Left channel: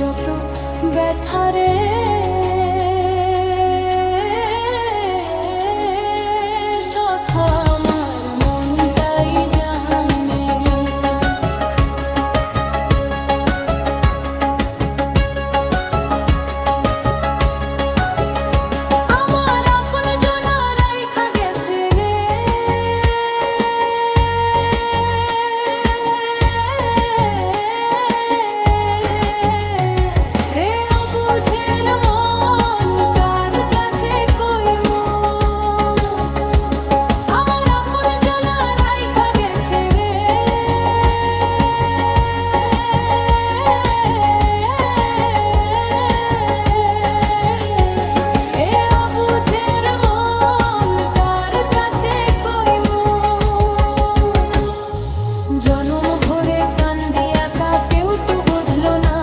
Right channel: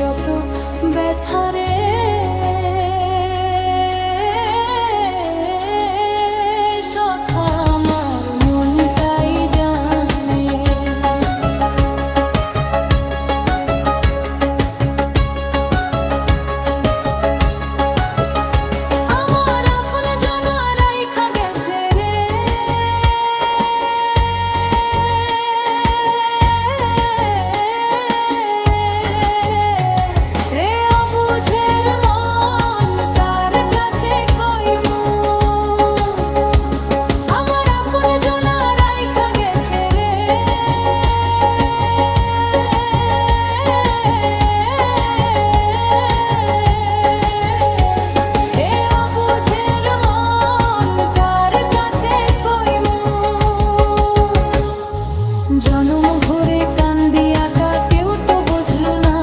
যত ব্যথারে সখা আমার মনটাই জানে। আমার আপন জনা রাইখা গেছে রে, রে অবুঝের মন কার কাছে কইমু। আমার আপন জনা রাইখা গেছে রে, এ অবুঝের মন কার কাছে কইমু। জনম ভরে কান্দিয়া কেউ তো বুঝলো না